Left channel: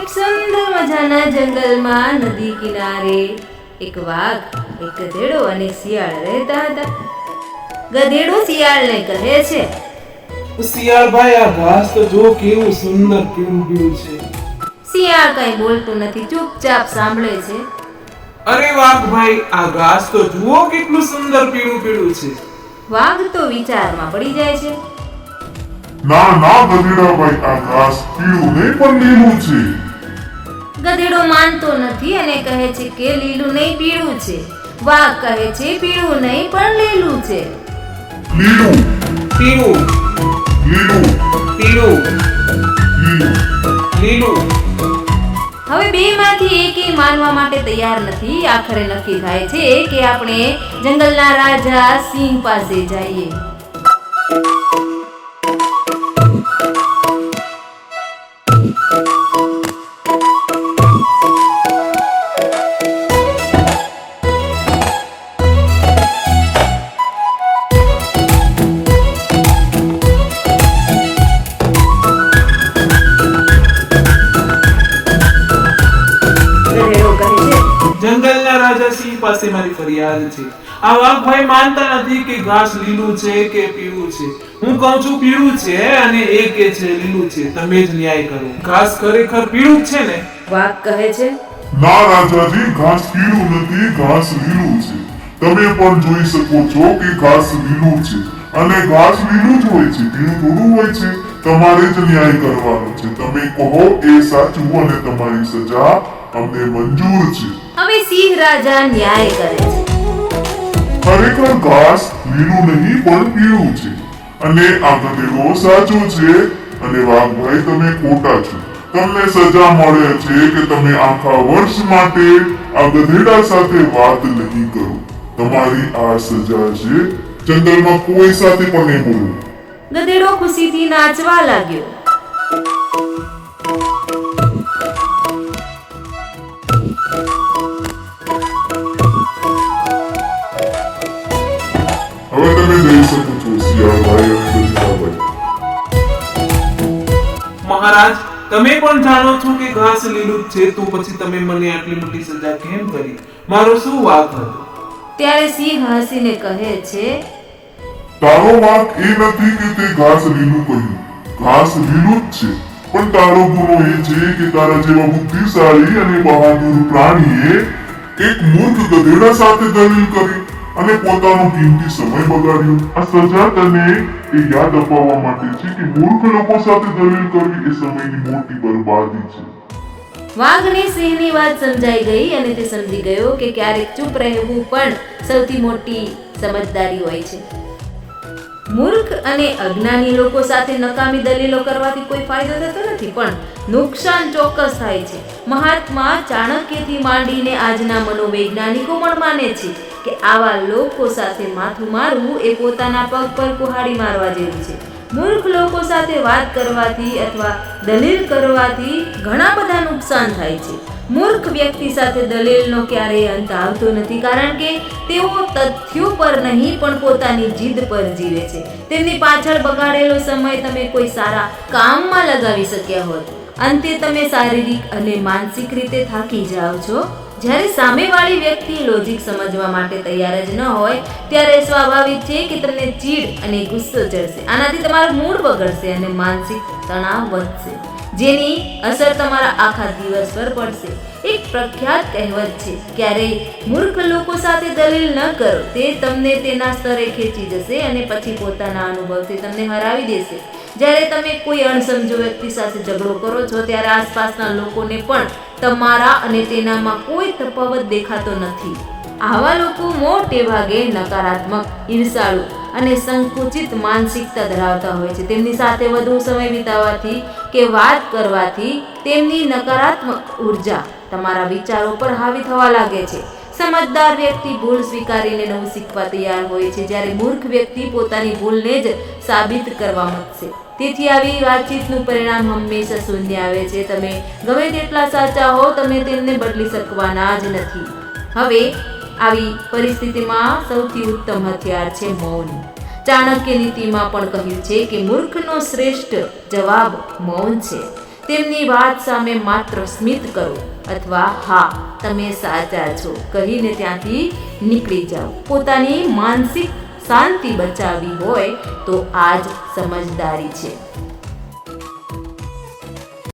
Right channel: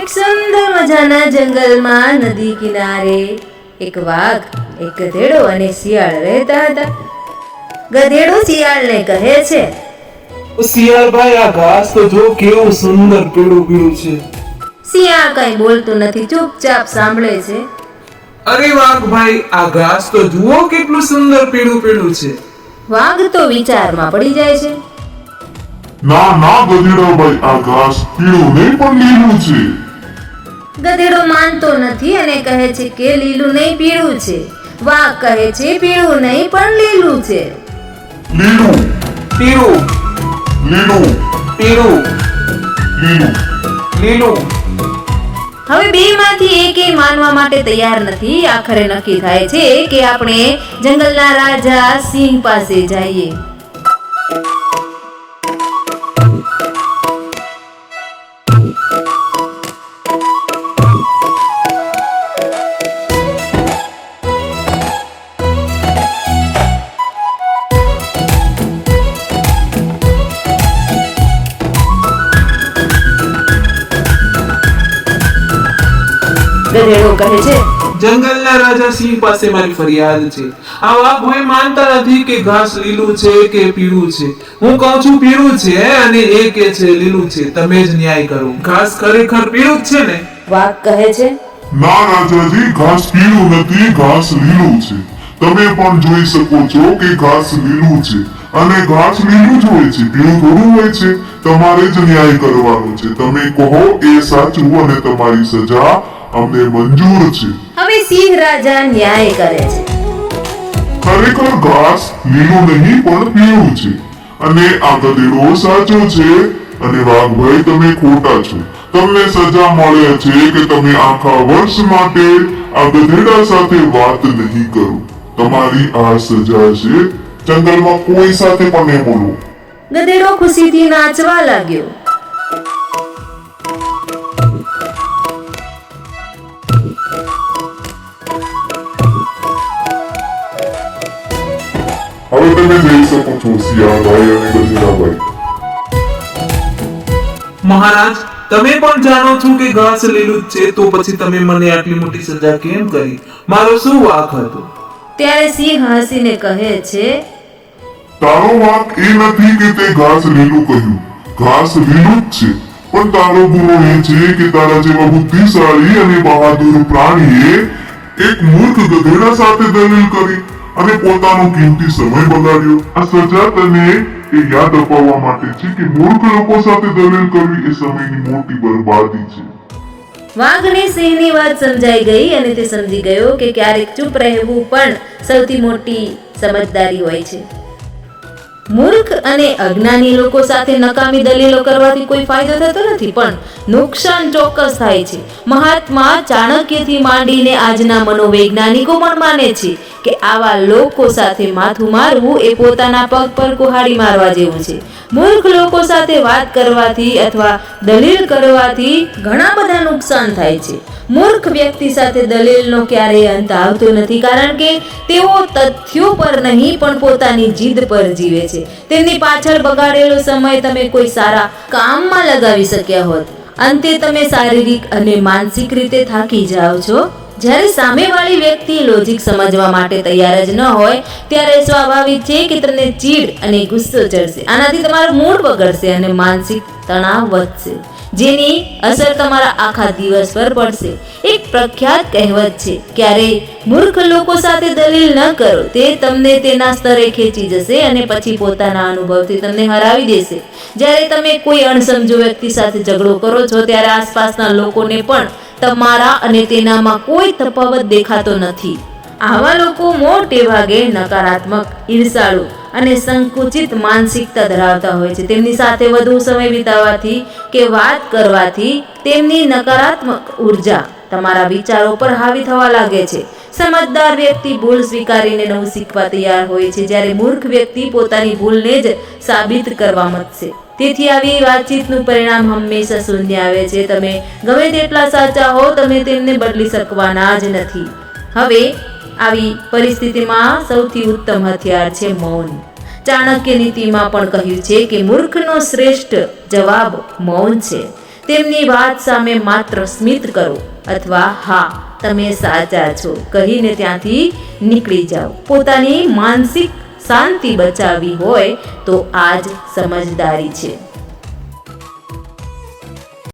એક સુંદર મજાના જંગલમાં નદી કિનારે એક વાઘ, એક ગધેડો અને શિયાળ રહેતા હતા. ગધેડો શિયાળને કહે છે, શિયાળભાઈ, આ ઘાસ તો જો કેવું સુંદર પીળું પીળું છે. શિયાળ કઈ બોલતું નથી, ચૂપચાપ સાંભળે છે. અરે વાઘભાઈ, આ ઘાસ તો જુઓ કેટલું સુંદર પીળું પીળું છે. વાઘ તો વિચારમાં પડી જાય છે. ના ના ગધેડાભાઈ, આ ઘાસ પીળું નહીં પણ લીલું છે. ગધેડો માનતો નથી અને કહે છે કે લીલું નહીં પીળું છે. વાઘ કહે છે પીળું નહીં પણ લીલું છે. લીલું પીળું લીલું પીળું લીલું લીલું. હવે બેમાંથી એકેય માનવા માટે તૈયાર નથી. આખરે નક્કી થાય છે કે આપણે જંગલના રાજા સિંહ પાસે જઈએ. ગધેડો કહે છે, જંગલના રાજા સિંહ પાસે મારી ફરિયાદ છે. આ વાઘભાઈ માનતા નથી કે ઘાસ લીલું છે કે પીળું છે. હું કહું છું પીળું છે અને એ કે છે લીલું છે. તમે જ ન્યાય કરો. ઘાસ ખરેખર પીળું જ છે ને? વાઘ કહે છે, ના રાજાજી, ઘાસ પીળું નથી, ઘાસ લીલું છે. તમે પણ જોઈ શકો છો કે ઘાસ લીલું છે અને ઘાસ લીલું જ હોય છે, પીળું થોડું હોય છે. તમારે જ ન્યાય કરવાનો છે. તમે કહો એ સાચું અને તમારી સજા અમને મંજૂર છે. હવે સિંહ રાજા ન્યાય કરે છે. ખરેખર ઘાસ લીલું નહીં પણ પીળું છે અને આ ગધેડો સાચો છે અને વાઘભાઈ તમે ખોટા છો. તમને સજા મળે છે કે તમે આખા વર્ષ માટે આ ગધેડા સાથે વાત નહીં કરો. તમારી આ સજા છે. જંગલમાં કોઈ સાથે પણ નહીં બોલવું. ગધેડો ખુશીથી નાચવા લાગ્યો. હવે તમે જઈ શકો છો શિયાળભાઈ અને ગધેડાભાઈ. મહારાજ, તમે પણ જાણો છો કે ઘાસ લીલું જ છે, તો પછી તમે મને આટલી મોટી સજા કેમ કરી? મારો શું વાંક હતો? ત્યારે સિંહ હસીને કહે છે, તારો વાંક એ નથી કે તે ઘાસ લીલું કહ્યું. ઘાસ લીલું જ છે, પણ તારો ગુનો એ છે કે તારા જેવા બુદ્ધિશાળી અને બહાદુર પ્રાણીએ એક મૂર્ખ ગધેડા સાથે દલીલ કરી અને પોતાનો કિંમતી સમય બગાડ્યો. આ સજા તને એ યાદ અપાવવા માટે છે કે મૂર્ખ લોકો સાથે દલીલ કરવી એ સમયની મોટી બરબાદી છે. વાઘને સિંહની વાત સમજાઈ ગઈ અને તે સમજી ગયો કે ક્યારેક ચૂપ રહેવું પણ સૌથી મોટી સમજદારી હોય છે. મૂર્ખ અને અજ્ઞાની લોકો સાથે નકામી દલીલો કરવાથી કોઈ ફાયદો થતો નથી, પણ નુકસાન ચોક્કસ થાય છે. મહાત્મા ચાણક્યથી માંડીને આજના મનોવૈજ્ઞાનિકો પણ માને છે કે આવા લોકો સાથે માથું મારવું એ પોતાના પગ પર કુહાડી મારવા જેવું છે. મૂર્ખ લોકો સાથે વાત કરવાથી અથવા દલીલ કરવાથી ઘણા બધા નુકસાન થાય છે. મૂર્ખ વ્યક્તિ સાથે દલીલનો ક્યારેય અંત આવતો નથી, કારણ કે તેઓ તથ્યો પર નહીં પણ પોતાની જીદ પર જીવે છે. તેમની પાછળ બગાડેલો સમય તમે કોઈ સારા કામમાં લગાવી શક્યા હોત. અંતે તમે શારીરિક અને માનસિક રીતે થાકી જાઓ છો. જ્યારે સામેવાળી વ્યક્તિ લોજિક સમજવા માટે તૈયાર જ ન હોય ત્યારે સ્વાભાવિક છે કે તમને ચીડ અને ગુસ્સો ચડશે. આનાથી તમારું મૂડ બગડશે અને માનસિક તણાવ વધશે, જેની અસર તમારા આખા દિવસ પર પડશે. એક પ્રખ્યાત કહેવત છે, ક્યારેય મૂર્ખ લોકો સાથે દલીલ ન કરો. તે તમને તેના સ્તરે ખેંચી જશે અને પછી પોતાના અનુભવથી તમને હરાવી દેશે. જ્યારે તમે કોઈ અણસમજુ વ્યક્તિ સાથે ઝઘડો કરો છો ત્યારે આસપાસના લોકોને પણ તમારા અને તેનામાં કોઈ તફાવત દેખાતો નથી. આવા લોકો મોટે ભાગે નકારાત્મક, ઈર્ષાળુ અને સંકુચિત માનસિકતા ધરાવતા હોય છે. તેમની સાથે વધુ સમય વિતાવવાથી કે વાત કરવાથી તેમની નકારાત્મક ઉર્જા તમારા વિચારો પર હાવી થવા લાગે છે. સમજદાર વ્યક્તિ ભૂલ સ્વીકારીને નવું શીખવા તૈયાર હોય છે, જ્યારે મૂર્ખ વ્યક્તિ પોતાની ભૂલને જ સાબિત કરવા માંગશે. તેથી આવી વાતચીતનું પરિણામ હંમેશા શૂન્ય આવે છે. તમે ગમે તેટલા સાચા હો, તમે તેમને બદલી શકવાના જ નથી. હવે આવી પરિસ્થિતિમાં સૌથી ઉત્તમ હથિયાર છે મૌન. ચાણક્ય નીતિમાં પણ કહ્યું છે કે મૂર્ખનો શ્રેષ્ઠ જવાબ મૌન છે. તેમની વાત સામે માત્ર સ્મિત કરો અથવા હા તમે સાચા છો કહીને ત્યાંથી નીકળી જાઓ. પોતાની માનસિક શાંતિ બચાવવી હોય તો આ જ સમજદારી છે.